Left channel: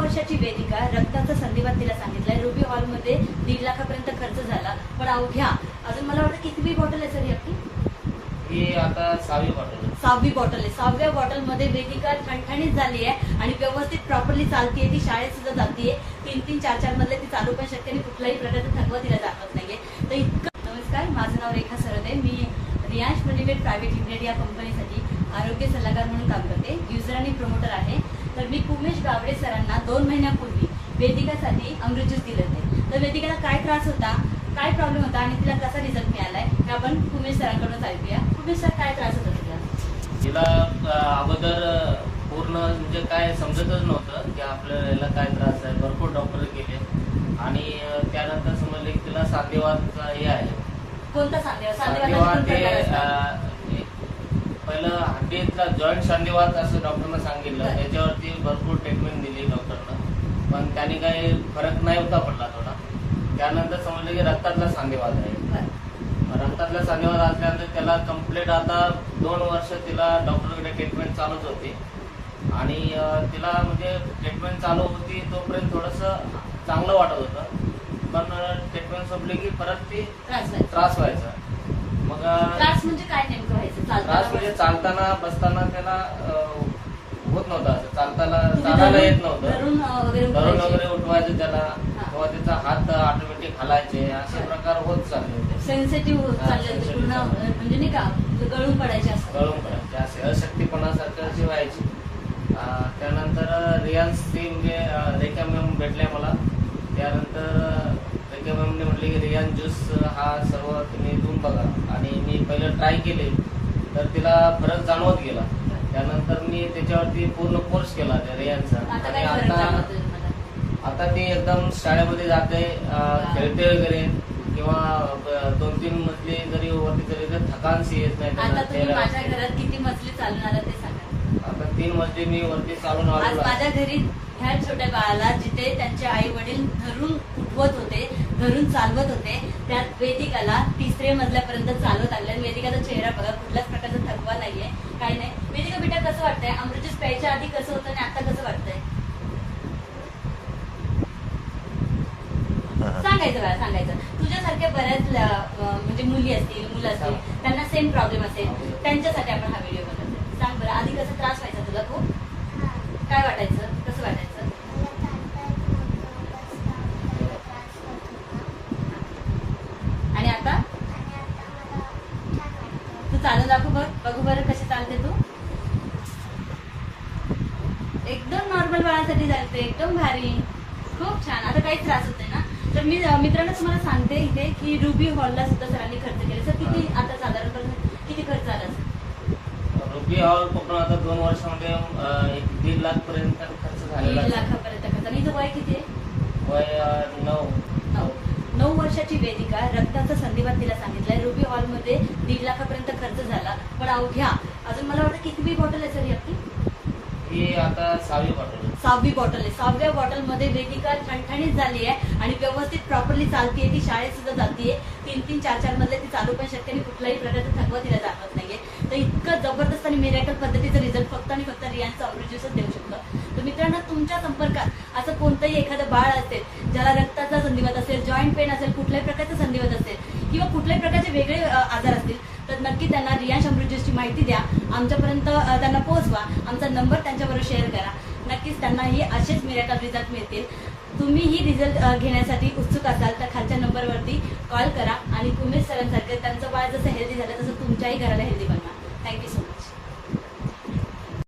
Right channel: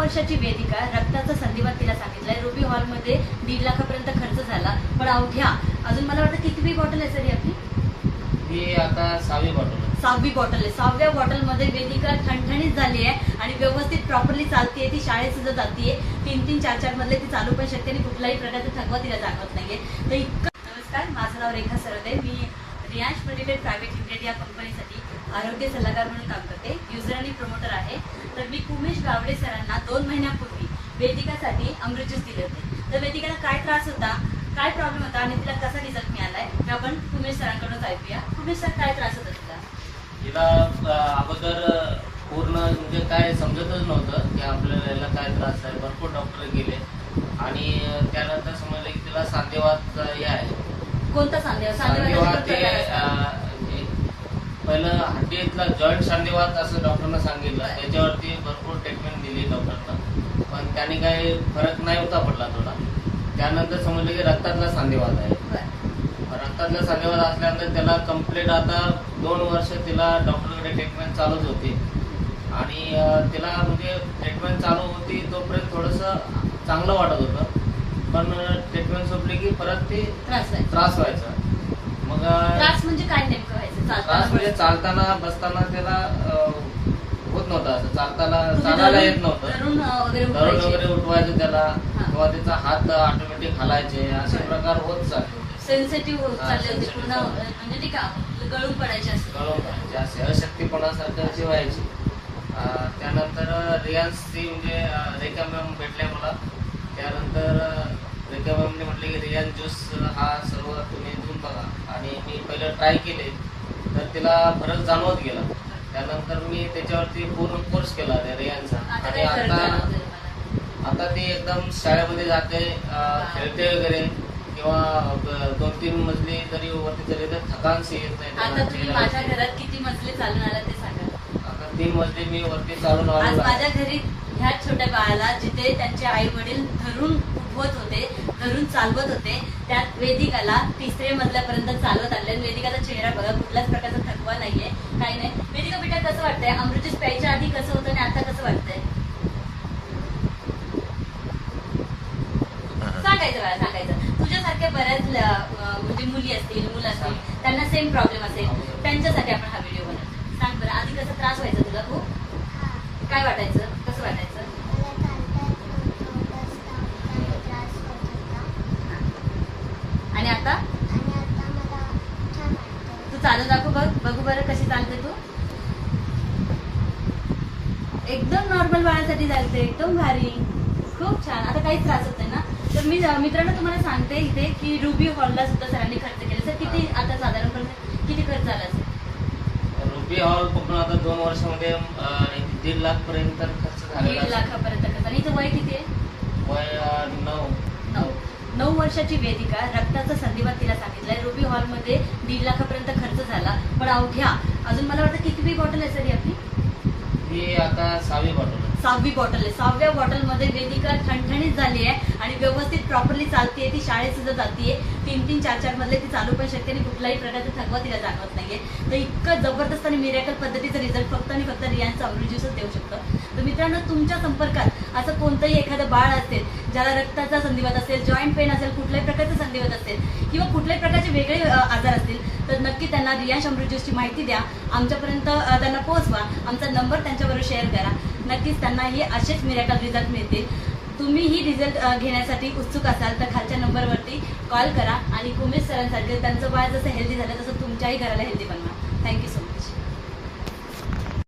वर्षाची वेदिका रक्ताचा संधिवात तिला सांगितलाय. रुबी हॉलमध्ये 1.5 लाखापर्यंत खर्च झाला, पण अवघ्या अजून मला वाटतं कितवी बॉटल आहे सर ही आपली? ही आता 6वी बॉटल आहे. 6वी बॉटल आहे. 6व्या बॉटलमध्ये वेदिका ठणठणीत झाली आहे आणि व्यवस्थित प्रॉपरली चालतीये. ती शाळेत सुद्धा जातीये. 3-3, 4-4 मधले ती चालू पण शकते आणि कुठलाही प्रकारचा थकवा तिला जाणवत नाहीये. तर इतकं. नमस्कार, माझं नाव रेखा सरदे. मी रियांश मल्टीमेड प्रायव्हेट लिमिटेड या कंपनीसाठी आरोग्य सल्लागार म्हणून काम करते. युजर आणि प्रमोटर आहे. तर मी उमेश गावडे सरांना 2 महिन्यापूर्वी वेदिकासाठी अमृत ज्यूस दिले होते. तर वेदिकाला काय त्रास होता, काय प्रॉब्लेम होता आणि तिला कसा रिझल्ट मिळालाय हे आपण उमेश सरांकडूनच ऐकूया. उमेश सर, काय त्रास होता तुला? तिला अगोदर पूर्ण म्हणजे काय समजतच नव्हतं की आपल्याला याला काय त्रास आहे. भरपूर डॉक्टर गेले आणि त्यानंतर समजले की तिला सांधेवात हे आहे. कोणता सांधेवात? सांधेवात हे पहिलं हड्डीतला जॉईंट सांधेवात असं डॉक्टरना सांगितलं. त्याच्यावरती भरपूर ट्रीटमेंट दिली डॉक्टरना, पण त्याने काही फरक नाही होता पडला थोडा. त्यानंतर समजलं की रक्तातला सांधेवात आहे. रक्तातला सांधेवात असल्यानंतर त्याला कम्प्लीट आता 2 वर्ष तिला डॉक्टरकडे ट्रीटमेंट चालूच होती आणि तिला म्हणजे ट्रीटमेंट चालू होती तोपर्यंत थोडंसं चांगलं वाटत होतं, पण ट्रीटमेंट संपली की परत ती त्रास व्हायचा. मग त्रास म्हणजे काय नेमकं व्हायचं? त्रास म्हणजे चालताना बसताना त्याला होत नव्हतं. असं चालायला येत नव्हतं. धरून वगैरे उठवायचं त्याला, किंवा त्याचा हात ऑटोमॅटिक हलायचे, असे प्रकार होत चालले होते. सेन्सिटिव्ह होत चालले होते पूर्ण, म्हणजे नाही का गळून पडायचे असे अशक्तीपणासारखी व्हायची. त्यानंतर रियांशची म्हणजे रेखा मॅम भेटल्या मला. त्यानंतर रेखा मॅमने म्हटले की रियांश ज्यूस हा सर्व तुम्ही देऊन बघा, आणि मी पहिलं ट्राय केले तर तिला फरक जाणवत गेला. त्यानंतर मी त्याच्यावरती पूर्ण कोर्स केला त्या रियांशचा, आणि आता ती एकदम शाळेमध्ये जाते, खेळते वगैरे, किंवा 2-3 मजली जरी वरती चढली तर थकानशी येत नाही. आता तुम्ही माझ्या घरात किती मजली चालून आला ते सांगा. आता 3 मजली मी वरती चालून आलो. माझ्या घरी ह्या छोट्या बाळाला जिथे त्यांचे आई वडील धरून उठवत होते, धरून चालवत होते, त्यात वेदिकाला 3ऱ्या मजल्यापर्यंत चालवत आणले. वेदिकाचा चेहरा बघा, कुठल्याच प्रकारचा थकवा नाहीये, काही नाही. वेदिका बेटा, कसं वाटतंय? अमृत ज्यूस प्यायच्या आधी कसं होतं आणि आता कसं वाटतंय? सांगायचं बाळा, सांगायचं. तुझ्यासारख्या बऱ्याच म्हणजे मुली असतील, मुलं असतील, त्यांना सेम प्रॉब्लेम असेल, त्यांच्यासाठी आपण हा व्हिडिओ बनवतो. सांग बरं, आधी कसं त्रास व्हायचा तुला? खूप काय वाटायचं? कसं वाटायचं? आणि आता तू चालू दाखव, बघू बरं कशी चालते तू. एकदम नॉर्मल बाळासाठी चालते, एकदम भारी, खूप छान. आता काहीच त्रास होत नाही ना? तर मी मित्रांनो तुम्हाला सांगते इथे की रुबी हॉलला सुद्धा सरांनी खर्च केले. सर, किती आता साधारणपणे किती खर्च झाला असेल? रुबी हॉल पण आता 2 वर्षामध्ये 1.5 लाख पर्यंत खर्च झालेला. 1.5 लाखापर्यंत खर्च. आणि हिचं वय किती आहे? वय 9 वर्षाची वेदिका रक्ताचा संधिवात तिला सांगितलाय. रुबी हॉलमध्ये 1.5 लाखापर्यंत खर्च झाला, पण अवघ्या अजून मला वाटतं कितवी बॉटल आहे सर ही आपली? ही आता 6वी बॉटल आहे. 6वी बॉटल आहे. 6व्या बॉटलमध्ये वेदिका ठणठणीत झाली आहे आणि व्यवस्थित प्रॉपरली चालतीये. ती शाळेत सुद्धा जातीये. 3-3, 4-4 मधले ती चालू पण शकते आणि कुठलाही प्रकारचा थकवा तिला जाणवत नाहीये. तर इतकं जबरदस्त आणि मिरेकल पद्धतीचं रिझल्ट फक्त आणि फक्त रियांशचं अमृत ज्यूसच देऊ शकतं. तर मित्रांनो, तुमच्या संपर्कात असं कोणतंही एखादं बाळ असेल ज्याला रक्ताचा संधिवात असेल, जॉईंट पेन असेल, कुठल्याही प्रकारचा संधिवात असेल, किंवा कुठल्याही प्रकारचे वेगळे आजार असतील, तर नक्की त्यांना रियांश अमृत ज्यूसची माहिती द्या, आमच्यापर्यंत त्यांना पोहोचवा. आमचा नंबर त्यांच्याबरोबर शेअर करा. नक्कीच त्यांनाही असेच मिरेकल रिझल्ट मिळतील. तुम्हीही रिझल्ट घेण्यासाठी उत्सुक असाल तर खालच्या नंबरवरती कॉल करा आणि उमेश सरांसारखे त्यांचं बाळ जसं हेल्दी झालं तसं तुमच्याही घराला हेल्दी बनवा. Thank you so much.